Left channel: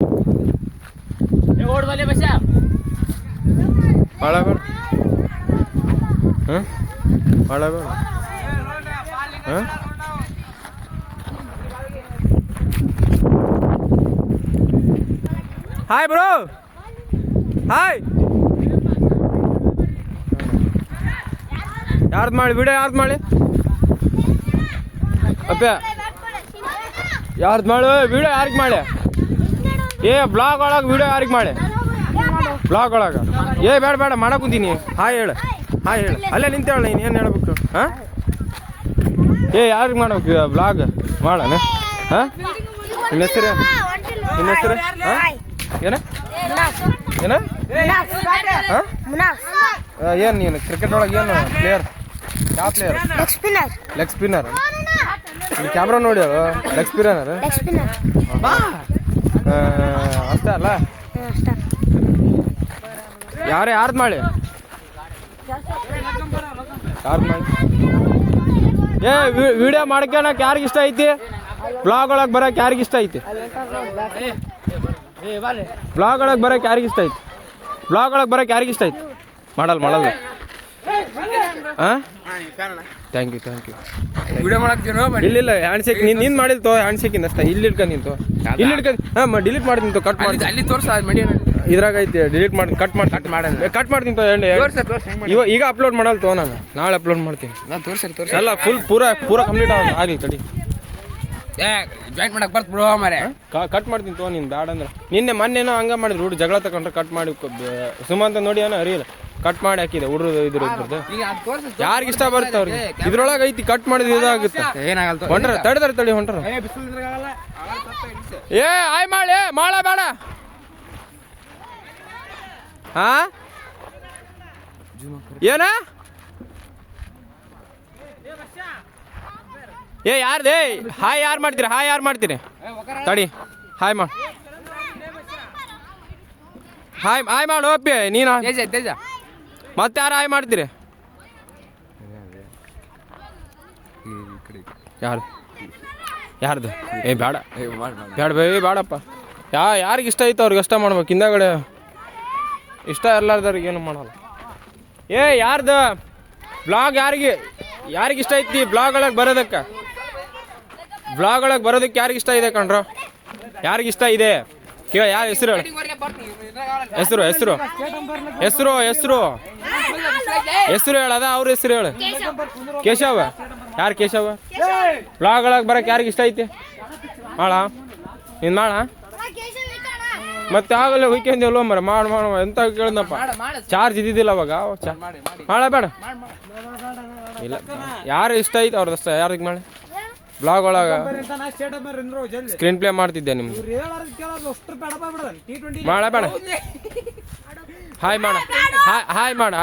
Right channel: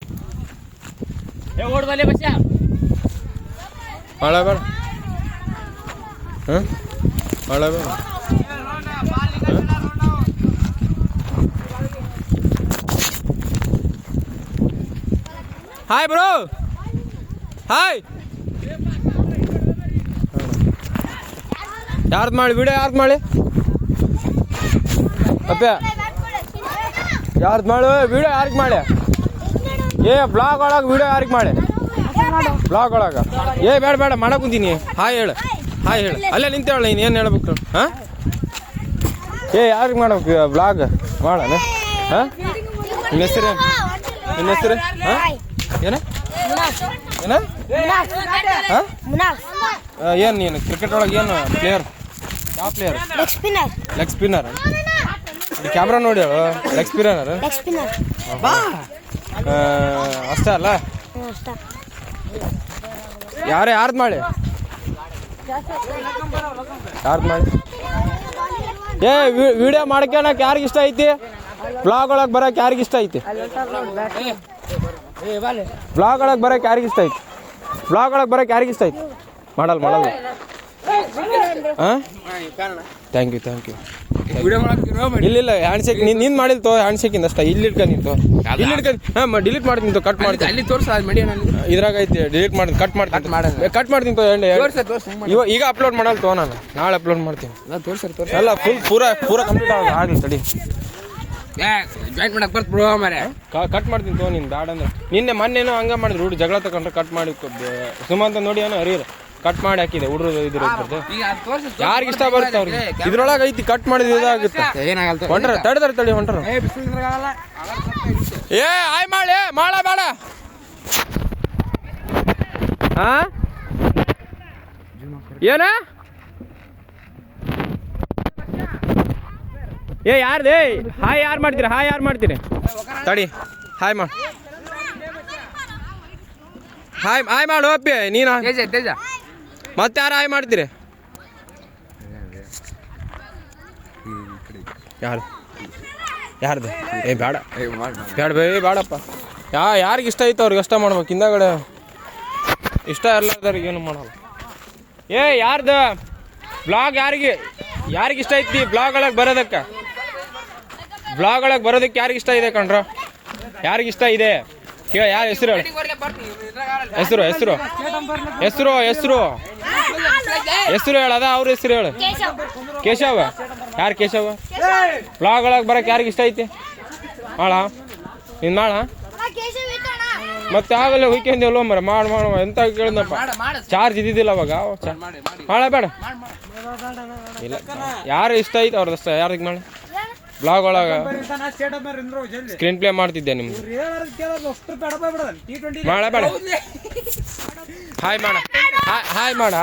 ಓಡ್ ಬಲೆ ಬಸ್ಸ ಭಾಳ ಬೇಡ ಹಾಂ ಭಾಳ ಬೇಡ ಹಾಂ ಹಾಯ್ ಬ್ರೋ ಹಾಯ್ ಯಾರ್ದು ಮಾಡಿ ವಿಡಿಯೋ ಯಾರ್ದು ಮಾಡಿ ಅಪ್ಪ ಯಾರ್ದು ಮಾಡು ವಿಡಿಯೋ ಯಾರಿಗೆ ಮಾಡಿ ಏ ಬ್ಲಾಗ್ ಒಳಗೆ ವಿಡಿಯೋ ಯಾರಿಗೆ ಮಾಡಿ ಬ್ಲಾಗ್ ಒಳಗೆ ಏ ಬೇಡ ಬೇಡ ಮಾಡಕ್ಕೆ ಕುಂತೀನಿ ಹಾಯ್ ಹೇಳು ಹಾಯ್ ಹೇಳು ಅಲ್ಲೇ ನಿಂತೇಳ ನೀನು ಏನು ಹೇಳ್ಬೇಕು ಹಾಂ ಏ ಯಾರಿಗೆ ಮಾಡ್ಬೇಕು ಬ್ಲಾಗ್ ಮಾಡೋಣ ಹಾಂ ನಿನ್ನ ಹೆಸರು ನಿನ್ನ ಹೆಸರು ಹಾಂ ಏನ ಏನ ಹಾಂ ಏನು ನೀನು ಕ್ರಿಕೆಟ್ ಒಳಗೆ ಏನು ಪ್ಲೇಯರ್ ಯಾವ ಪ್ಲೇಯರ್ ಲೆಗ್ ಸ್ಪಿನ್ನರ್ ಕ್ಯಾಮ್ರಾ ನೋಡಿ ಲೆಗ್ ಸ್ಪಿನ್ನರ್ ಅಷ್ಟೇ ಅಲ್ಲ ಯಾರ್ದು ಮಾಡಿ ಯಾರ್ದು ಮಾಡಿ ಏ ವಿಡಿಯೋ ಮಾಡ್ಕೊಳಕ್ಕೆ ಯಾರಿಗೆ ಇಷ್ಟ ಐತಿ ಬ್ಲಾಗ್ ಒಳಗೆ ಬರೋಕೆ ಯಾರಿಗೆ ಇಷ್ಟ ಐತಿ ಬ್ಲಾಗ್ ಒಳಗೆ ಬರೋಕೆ ಯಾರಿಗೆ ಇಷ್ಟ ಐತಿ ಬ್ಲಾಗ್ ಒಳಗೆ ಬರೋಕೆ ಯಾರಿಗೆ ಇಷ್ಟ ಐತಿ ಮಾಡಲ್ಲ ಹಾಂ ಥ್ಯಾಂಕ್ ಯು ಇಲ್ಲ ಹ್ಯಾಂಡ್ ಶೇಕ್ ನೀನು ಮಾಡಿಲ್ ತೋ ಹ್ಯಾಂಡ್ ಶೇಕಿಂದ ಅಷ್ಟ ಇಲ್ಲಿ ಇಟ್ಕೊಂಡು ನಿಂತು ಇಲ್ಲಿ ಇಟ್ಕೊಂಡು ಹಾಂ ಡಿಲೀಟ್ ಮಾಡ್ತೀನಿ ತೋ ಕಟ್ ಮಾಡ್ತೀನಿ ಇದ್ರಾಗ ಐತಿ ಡಿಲೀಟ್ ಮಾಡಿ ಕಟ್ ಮಾಡ್ತೀನಿ ತೋ ಈಗ ಅಪ್ಲೋಡ್ ಮಾಡಲ್ಲ ತೋ ನಾನು ನಾಳೆ ಅಪ್ಲೋಡ್ ಮಾಡ್ತೀನಿ ಎಲ್ಲ ಪೂರಾ ಕಂಪ್ಲೀಟ್ ಆಗಲಿ ತಡಿ ಕಟ್ ಮಾಡ್ತೀನಿ ತೋ ನೀನು ಬ್ಯಾಡ ಅಂದ್ರೆ ನಿನ್ನೆ ಮೊನ್ನೆನೋ ಹಂಗೆ ಮಾಡಿದ್ರು ಹುಡುಗ ಜಗಳ ತಗೊಂಡ್ರೆ ಕಟ್ ಮಾಡಿ ಸುಮಂತ ನೋಡಿ ಏನೋ ಅರಿಯಿಲ್ಲ ಕಟ್ ಮಾಡಿ ಹಾಕಿದೆ ಹುಡುಗರು ಇದ್ರ ಯಾರಿಗೆ ಇಷ್ಟ ಬರುತ್ತೆ ಅವ್ರಿಗೆ ಇದ್ರೊಳಗೆ ಐತಿ ಕಟ್ ಮಾಡಿದ್ರೆ ಇದಾಗುತ್ತೆ ಏನಾಗಲ್ಲ ಹೊಂಟ್ರ ತಡಿ ಹೊಂಟ್ರ ಏ ಹಾಯ್ ಮಾಡ ಬೇಡ ಹಾ ಏನ ಏ ಯಾರ್ದೇ ಹಾಯ್ ಯಾರು ಮಾಡ್ತೀರಿ ತಡಿ ಹಾಯ್ ಮಾಡು ಅಪ್ಪಿ ನೀನು ಮತ್ತೆ ಯಾರು ಹಾಯ್ ಮಾಡ್ತೀರಿ ಯಾರ್ದು ಏ ಬೇಡಪ್ಪ ಯಾರಿಗೆ ಇಷ್ಟ ಐತೆ ಅವ್ರಿಗೆ ಇಷ್ಟ ಮಾಡ್ಬೇಕು ಹಿಂದಗಡೆ ಇಷ್ಟ ಇರ್ಲಾರ್ದವ್ರಿಗೆ ಏನು ಮಾಡಲ್ಲ ಏ ಯಾರ್ದು ಬ್ಲಾಗ್ ಯಾರಿಗೆ ಇಷ್ಟ ಐತಿ ಬ್ಲಾಗ್ ಒಳಗೆ ಬರೋದಕ್ಕೆ ಯಾರಿಗೆ ಇಷ್ಟ ಇದೆ ಕಣ್ರು ಯಾರಿಗೆ ಇಷ್ಟ ಇದೆ ಯಾರ ಹೆಸರು ಹೇಳದ ಅವ್ರ ಹೆಸರು ಹೇಳು ಕೇಶವ ಯಾರು ಕೇಶವ ಬ್ಲಾಗ್ ಒಳಗೆ ಬರಕ್ಕೆ ಯಾರಿಗೆ ಇಷ್ಟ ಐತಿ ಮಾಡ ನೀನು ಮಾಡ ಮತ್ತೆ ಆಗಲ್ಲ ಹುಯ್ಕೊಂಡೆಲ್ವ ಮರ ಮಾಡು ಎಂತ ಕೇಳಿದಪ್ಪ ಚಾರ್ಜ್ ಇದ್ದಿದ್ದಿಲ್ಲ ಅವಾಗ ಬೇಡ ಇಲ್ಲ ಯಾರು ಇಷ್ಟ ಐತಿ ಅವ್ರದಷ್ಟ ಯಾರಿಗೆ ಮಾಡಿ ಬ್ಲಾಗ್ ಒಳಗೆ ಸ್ಕ್ರೀನ್ ಪ್ಲೇ ಮಾಡ್ತಿದ್ದೆ ನಿಮ್ದು ಬೇಡ ಹಾಯ್ ಮಾಡ